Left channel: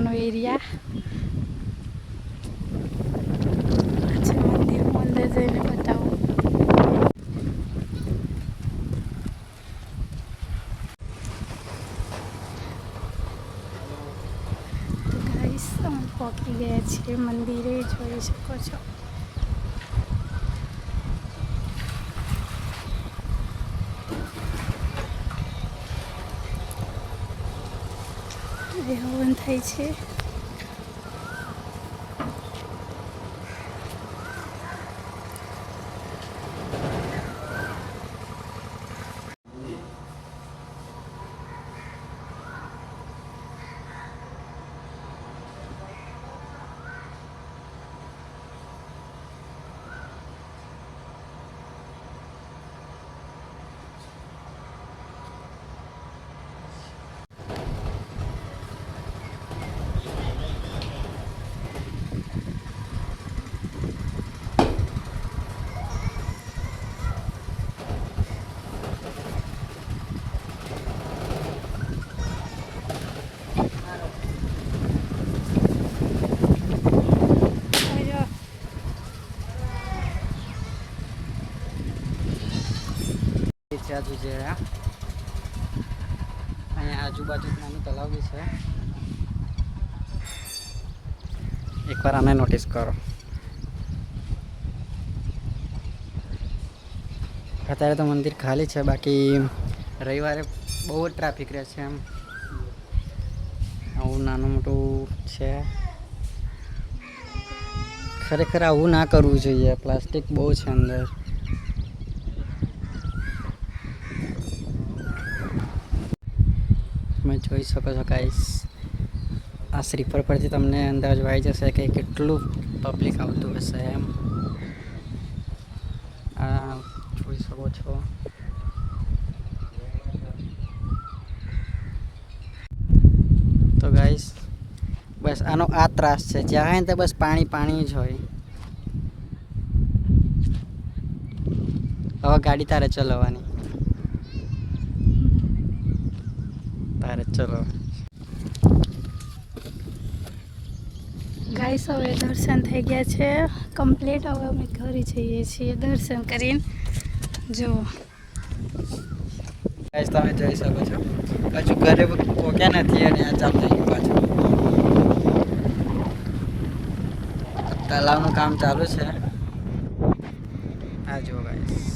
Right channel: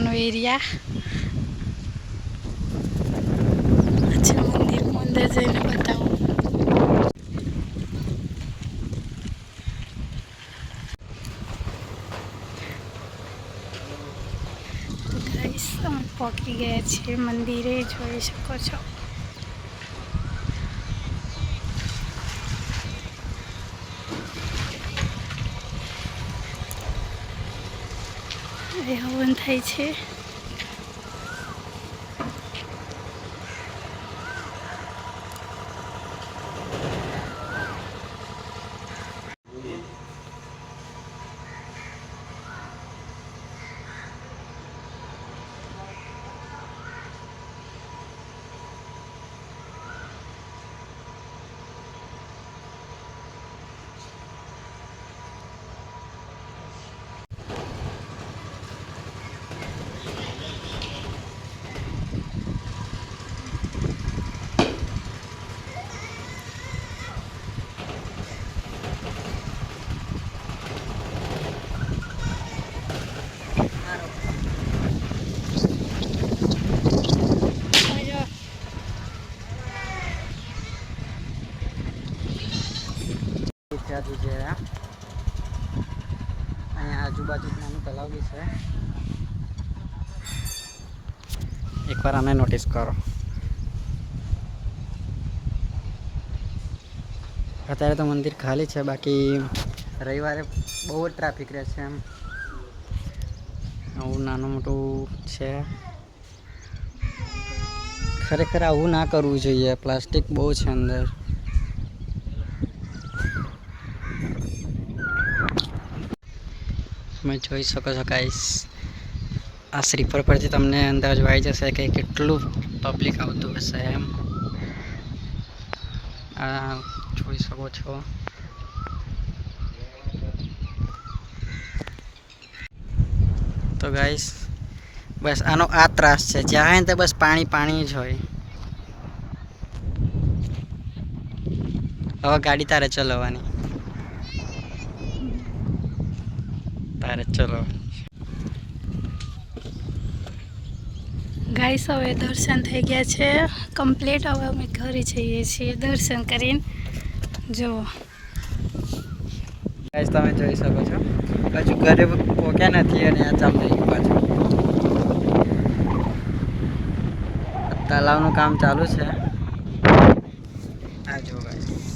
બેસવાનો એરિયા. અચ્છા, મંદિરમાં અંદર જઈને બતાવું. તો ગાઈસ અમે પહોંચી ગયા છીએ મંદિરે, જોઈ શકો છો. એ હવન થાય છે. અહીંયા આજુબાજુ નાનું તલાવ બી છે. એકવાર આને નોટિસ કરો. અત્યારે તો મંદિર ખાલી છે, બાકી રવિવારે બહુ જ ટ્રાફિક રહે છે. એમ આવું નાનું મોટું છે. ખરેખર આવું ના કરવું જોઈએ. પ્લાસ્ટિક બહુ છે અંદર. તમે જોઈ શકો છો ગાઈસ, આ સ્લીપર પરથી તમને અંદાજ આવી જશે કે કેટલું પબ્લિક આવતું હશે. એમ આ જોઈ શકો છો. તો ગાઈસ બસ આનો આ ત્રાસ છે. જ્યાં હોય ને બસ પાણી પાણી જ હોય. હવે ગાડી તારે ચલાવવાની. તારે ચલો. ગાઈસ હવે દર્શન થઈ ગયા છે કમ્પ્લીટ. હવે અમે ઘરે જઈએ છીએ દર્શન કરીને. જો ગાઈસ તમે જોઈ શકો છો, હજુ ઘરે પહોંચ્યા નથી અને આ ચાલુ થઈ ગયું પાછું. તલાવનું કામ ચાલુ છે. આ જો ગાઈસ.